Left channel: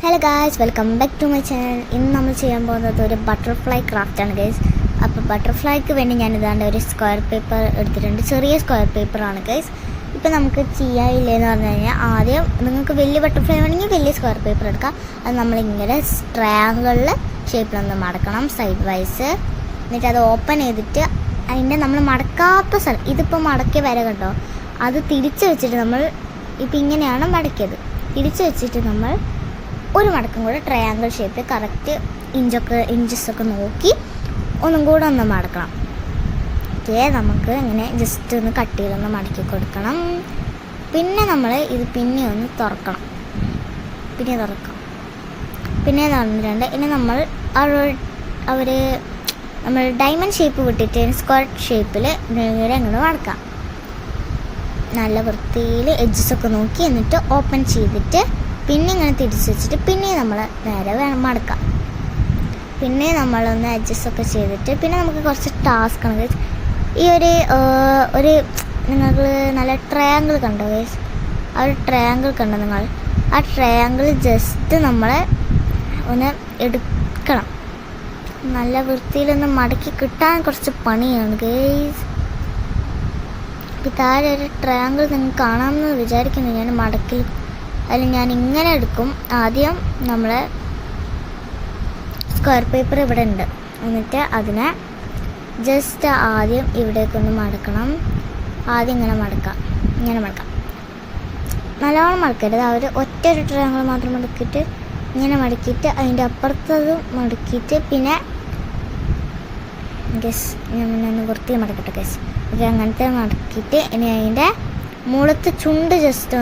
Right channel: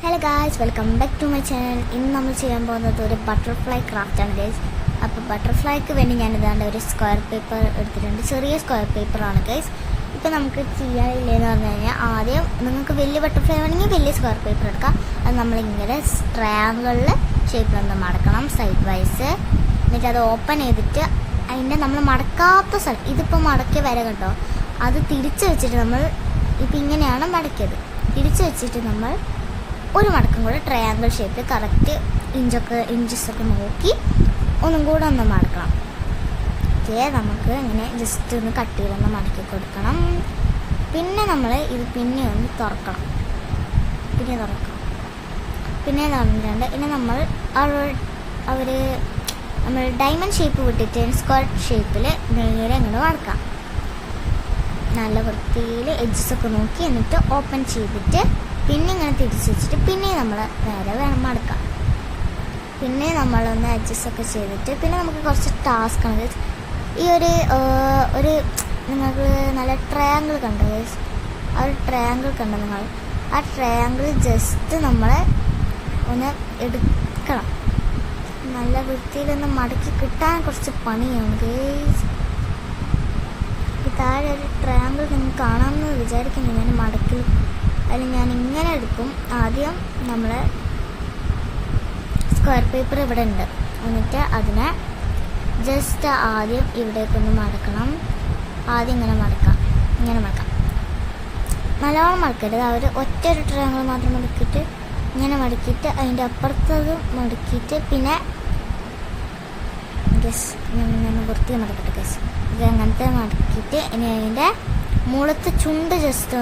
Hello guys, welcome back to my channel. ഇന്ന് നമ്മൾ ചെയ്യാൻ പോകുന്നത് ഒരു ബട്ടർഫ്ലൈ ക്രാഫ്റ്റാണ് ഗൈസ്. അപ്പോൾ ബട്ടർഫ്ലൈക്ക് വേണ്ടി ഞാൻ ഇതാണ്ട് ഒരു സ്ക്വയർ പേപ്പർ എടുത്തിട്ടുണ്ട്. ചെറിയ സ്ക്വയർ പേപ്പറാണ് ഗൈസ്. ഇപ്പോൾ നമുക്ക് ചെയ്യാനില്ലെന്ന് പറഞ്ഞു കഴിഞ്ഞാൽ ആദ്യം നിങ്ങൾക്ക് വലിയ ബട്ടർഫ്ലൈ വേണമെങ്കിൽ വലിയ സ്ക്വയർ പേപ്പർ എടുക്കാം. അത് നമ്മളിങ്ങനെ ട്രയാങ്കിളിൽ ഷേപ്പിലൊന്ന് മടക്കണം സൈഡ് വൈസ്. എന്നിട്ട് അത് ഓപ്പൺ ചെയ്തിട്ട് അതിൻ്റെ നമ്മൾ മടക്കാത്ത സ്ഥലം, ഇതിപ്പോൾ മടക്കിയ വര കണ്ടോ, അത് തിരിച്ച് വെച്ചിട്ട് നമ്മൾ ഇപ്പം ഇങ്ങനെയാണ് മടക്കിയത്. തിരിച്ച് വെച്ചിട്ട് നമ്മൾ ഒരു മടക്കം കൂടെ ട്രയാങ്കിൾ ഷേപ്പിൽ കറക്റ്റ് ഇഞ്ചസൊക്കെ നോക്കി ഒന്നും കൂടെ ഒന്ന് മടക്കണം. ഓക്കെ, നമുക്ക് ഇങ്ങനെ ജസ്റ്റ് ഒന്ന് കട്ട് ചെയ്തൊന്ന് മടക്കി കൊടുക്കണം. പിന്നെ നമ്മൾ ഇത് പിന്നെ ഒന്ന് തുറക്കണം. പിന്നെ തുറന്നിട്ടുണ്ട്. ഇനി നമ്മൾ നമ്മൾ ഡയമണ്ട് ഷേപ്പ് വിട്ടിട്ട് സ്ക്വയർ ഷേപ്പിൽ നേരെ അങ്ങോട്ട് മടക്കാം. നല്ല വൃത്തിയിൽ എഡ്ജസൊക്കെ നോക്കി എന്നിട്ട് ഓപ്പൺ ചെയ്തിട്ട് പിന്നെ ഇങ്ങനെ തിരിച്ച് വെച്ചിട്ട് പിന്നെ നമ്മൾ നേരെ വേണം മടക്കാം. പിന്നെ നമ്മളൊന്ന് അഡ്ജസ്റ്റൊക്കെ ചെയ്തിട്ട് പിന്നെ നമുക്ക് കുറച്ച് ടാസ്ക് ആണ്. ഈ ഒരു നിങ്ങൾക്ക് നല്ല ട്രയാങ്കിൾ കണ്ടോ ഗൈസ്? ആ ഒരു ട്രയാങ്കിൾ കണ്ടോ നിങ്ങൾ? ആ ട്രയാങ്കിൾ ജസ്റ്റ് നമ്മൾ ഒന്ന് എടുക്കണം. നല്ല വൃത്തിയിലൊന്ന് മടക്കി കിട്ടാൻ കുറച്ച് പണിയാണ് ഗൈസ്. ഈ താഴെ ഒരു ട്രയാങ്കിൾ നിങ്ങൾക്ക് കാണാമെന്ന് വിചാരിക്കുന്നു. ഞാൻ മടക്കിൽ ഞാൻ ഇങ്ങനെ എടുക്കും. ആദ്യം നമ്മൾ സ്ക്വയർ പേപ്പർ ഇവിടെ ഉണ്ട്, എന്നിട്ട് അതിനെ ജസ്റ്റ് ആദ്യം ഇവിടേക്കൊന്ന് മടക്കണം. ആദ്യം ഇങ്ങനെ മടക്കാം. നല്ലോണം മടക്കരുത്. ഒറ്റൊരു ട്രയാങ്കിൾ മാത്രം മടക്കിയിട്ട് ഇങ്ങനെ മടക്കിയിട്ട് അതിൻ്റെ അപ്പുറത്തതും മടക്കിയിട്ട് പിന്നെ ഞാൻ വൃത്തി മടക്കട്ടെ ഗസ്. ഓക്കെ, അങ്ങനത്തെ മടക്കിയിട്ട് ഇനി അതിൻ്റെ മുളത്ത് ചുണ്ട് ജസ്റ്റ്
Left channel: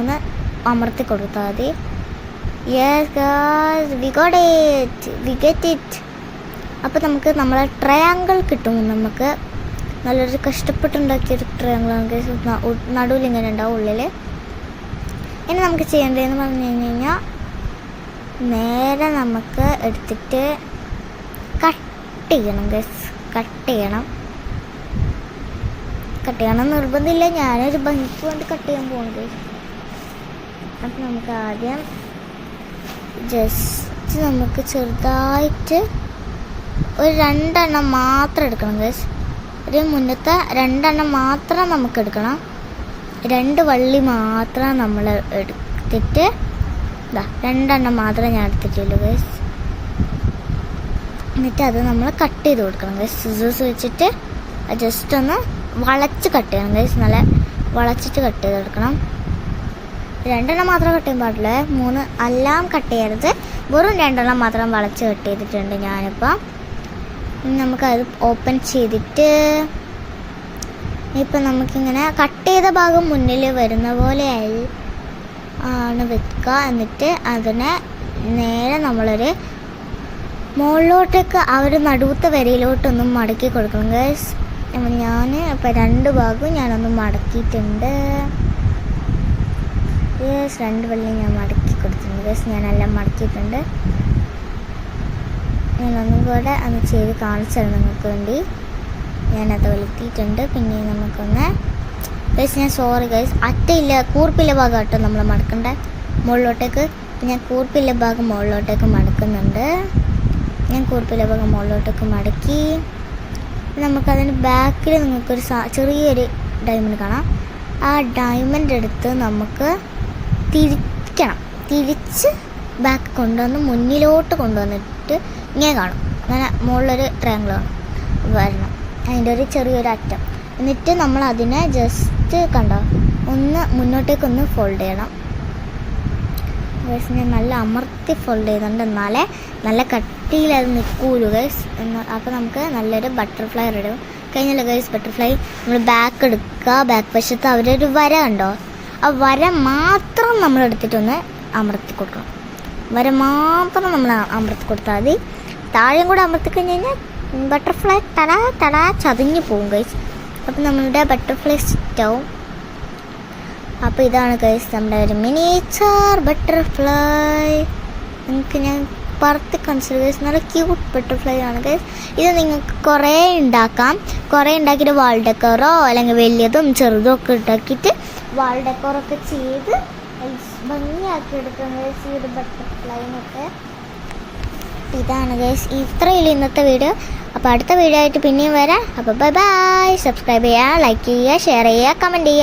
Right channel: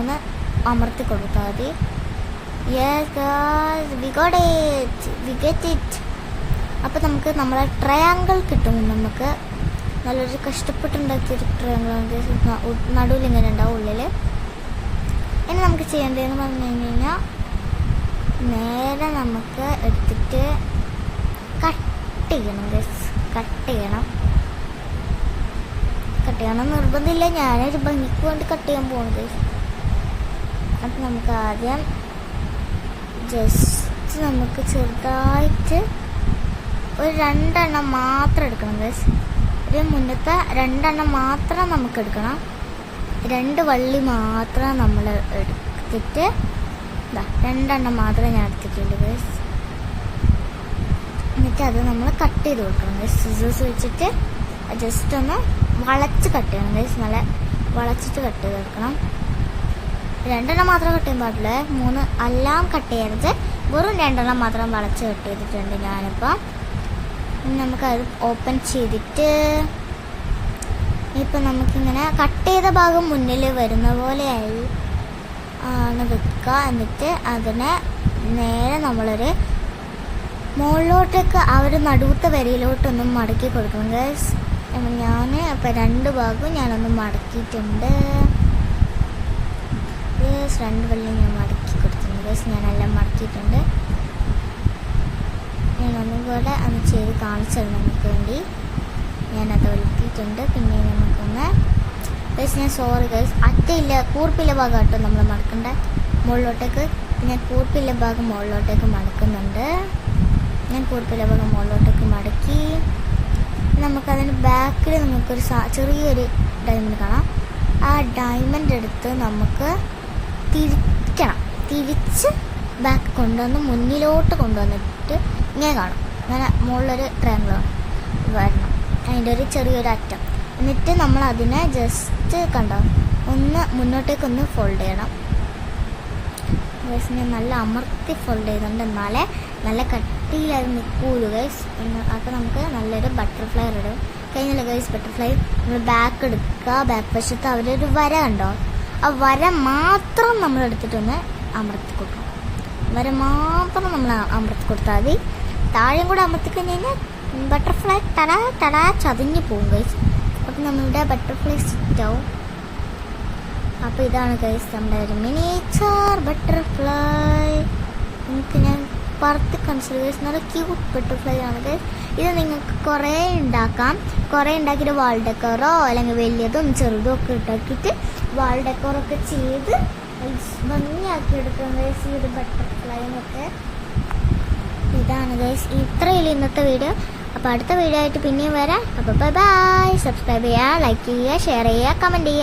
ഒന്ന് അമർത്തി കൊടുത്താൽ മതി. Yes guys, we get it. അപ്പോൾ നമുക്ക് നമ്മളെ ട്രയാങ്കിൾ കിട്ടും. നമുക്ക് നല്ലൊരു കഷ്ടപ്പെട്ടുണ്ടാക്കിയൊരു ട്രയാങ്കിളാണ്. നടുവിൽ ഇങ്ങനെ ഉണ്ടാവും, ഉള്ളിൽ. ഇനി നമുക്ക് ചെയ്യേണ്ടതെന്ന് പറഞ്ഞു കഴിഞ്ഞാൽ നേരെ നമുക്ക് എടുത്തിട്ട് കട്ട് ചെയ്യണം. നിർബന്ധമില്ല, ഞാനൊരു ഭംഗിക്ക് വേണ്ടി കട്ട് ചെയ്യാൻ പോകുന്നു ഗൈസ്. അപ്പം നമുക്ക് ആദ്യം ജസ്റ്റ് നമുക്ക് ചെറുതായിട്ട് ഒരു 2 എണ്ണം മാത്രം എടുക്കണം ഗൈസ്. ഒരു മുന്നത്തെ 2 എണ്ണം മാത്രം നമുക്ക് എടുക്കണം. 2 വള്ളി മാത്രം നമ്മൾ എടുത്തിട്ട് 2 എണ്ണം മാത്രമേ ഞാൻ എടുത്തിട്ടുള്ളൂ ഗൈസ്. എന്നിട്ട് അത് നമ്മൾ കട്ട് ചെയ്ത് കൊടുക്കണം ഗൈസ്. സിസേഴ്സ് വെച്ചിട്ട് ജസ്റ്റ് ഒന്ന് വളച്ച് കട്ട് ചെയ്യണം ഗൈസ്. നല്ല വളച്ചിട്ട് കട്ട് ചെയ്തെടുക്കണം. 2 എണ്ണം മാത്രം കട്ട് ചെയ്യാൻ പാടില്ല, 3 എല്ലാം കട്ട് ചെയ്യരുത്. വെറും 2 എണ്ണം മാത്രം വളച്ച് കട്ട് ചെയ്തിട്ടുണ്ട് ഞാനിപ്പം. നമുക്കത് ഓപ്പൺ ചെയ്തിട്ട് ഇപ്പം നമുക്കിങ്ങനെ കട്ട് ചെയ്ത ഭാഗം മുന്നിൽ വരുന്ന പോലെ ആണ് വെക്കുക. എന്നിട്ട് അതിനെ നേരെ നമ്മളൊരു മുകളിലോട്ടേക്ക് നടുവത്തെ വരയിലോട്ടൊന്നും മടക്കി കൊടുക്കണം ഗൈസ്. ഞാൻ ഇപ്പം 2 ഭാഗവും ഞാനൊന്ന് മടക്കിയിട്ടുണ്ട്. 2 വള്ളി ഞാൻ മടക്കി കൊടുത്തിട്ടുണ്ട് ഗൈസ്. ഞാനെല്ലാം മടക്കിയിട്ടുണ്ട്. ഞാനൊന്നും കൂടെ ഒന്ന് ചെയ്ത് കാണിച്ചത് നിങ്ങൾക്ക് വേണ്ടി. ഞാനത് വലിക്കിയിട്ടുണ്ട്. പിന്നെ നമുക്കൊന്ന് ഗൈസ്, ഞാൻ സോറി ഗൈസ്, അറ്റയില്ല കൂർപ്പില്ല ഭാഗം കേട്ടോ നമ്മൾ മടക്കണ്ട മുകളിലോട്ടേക്ക്. ഞാൻ കൂർപ്പില്ല ഭാഗം മുകളിലോട്ടേക്ക് മടക്കുന്നുണ്ട്. ഞാൻ കൂർപ്പില്ല ഭാഗം മുകളിലോട്ടേക്ക് മടക്കി. നമുക്കതിന് ബാക്കിൽ നിങ്ങൾക്കൊരു ചെറിയൊരു ഡയമണ്ട് കാണാം. ആ ഡയമണ്ട് എടുത്ത് നമുക്ക് തിരിച്ച് ബാക്ക് കൊണ്ടുവന്ന് മുന്നിലോട്ട് കൊണ്ടുവന്നിട്ട് ഇങ്ങനെ കാണും. അങ്ങനെ മുകളിലൊരു ട്രയാങ്കിൾ വരണം, അതിൻ്റെ ഒരു ചെറിയൊരു അറ്റം. എന്നിട്ട് നമ്മൾ അതിനെ ജസ്റ്റ് ഒന്ന് മുന്നോട്ടേക്കൊന്ന് ഫോൾഡ് ചെയ്യണം. ഗൈസ്, ഞാൻ നല്ല അമർത്തി ഫോൾഡ് ചെയ്യുന്നുണ്ട്, എന്നാലേ നല്ല കട്ടിയിൽ അത് നിൽക്കൂലു ഗൈസ്. അപ്പോൾ നമുക്ക് നല്ലൊരു ബട്ടർഫ്ലൈ റെഡി കഴിഞ്ഞല്ലോ ഗൈസ്. ബട്ടർഫ്ലൈ നമ്മൾ ബാക്ക് എടുക്കുക. ബാക്ക് വശത്ത് അവരൊരു വര കണ്ടോ, ആ വര മാത്രം നമ്മൾ എടുത്തിട്ടൊന്ന് അമർത്തി കൊടുക്കണം. വര മാത്രം നമ്മൾ അമർത്തി കൊടുത്താൽ മതി. താഴെയും കൂടെ അമർത്തി കഴിഞ്ഞ് കഴിഞ്ഞാൽ ബട്ടർഫ്ലൈ തടാ ചതഞ്ഞു പോകും ഗൈസ്. അപ്പം നമ്മളുടെ ബട്ടർഫ്ലൈ സെറ്റാവും. അപ്പോൾ ഇതാണ് ഗൈസ് നമ്മുടെ ഒരു മിനിയേച്ചർ ബട്ടർഫ്ലൈ. നിങ്ങൾക്ക് ഞാൻ പറത്തി കാണിച്ചത് ഗൈസ്. നല്ല ക്യൂട്ട് ബട്ടർഫ്ലൈ ആണ് ഗൈസ്. ഇത് നിങ്ങൾക്ക് കുറേ ഉണ്ടാക്കാം. കുറേ ഉണ്ടാക്കിയിട്ട് വാൾ ഡെക്കോറോ അല്ലെങ്കിൽ വലിയതും ചെറുതും ഒക്കെ ഉണ്ടാക്കിയിട്ട് വാൾ ഡെക്കോറൊക്കെ ചെയ്ത് ഭംഗിയാക്കി എടുക്കാം ഗൈസ് ഈ ഒരു ബട്ടർഫ്ലൈനൊക്കെ. ഇതാണ് ഗൈസ് ഇത്രയുള്ള ഇന്നത്തെ വീഡിയോ. അപ്പോൾ അടുത്ത വീഡിയോ ആയിട്ട് പിന്നെയും വരാം. അപ്പോൾ ബൈ ബൈ. സബ്സ്ക്രൈബ് ചെയ്യുക, ലൈക്ക് ചെയ്യുക, ഷെയർ ചെയ്യുക, കമൻറ്റ് ചെയ്യുക.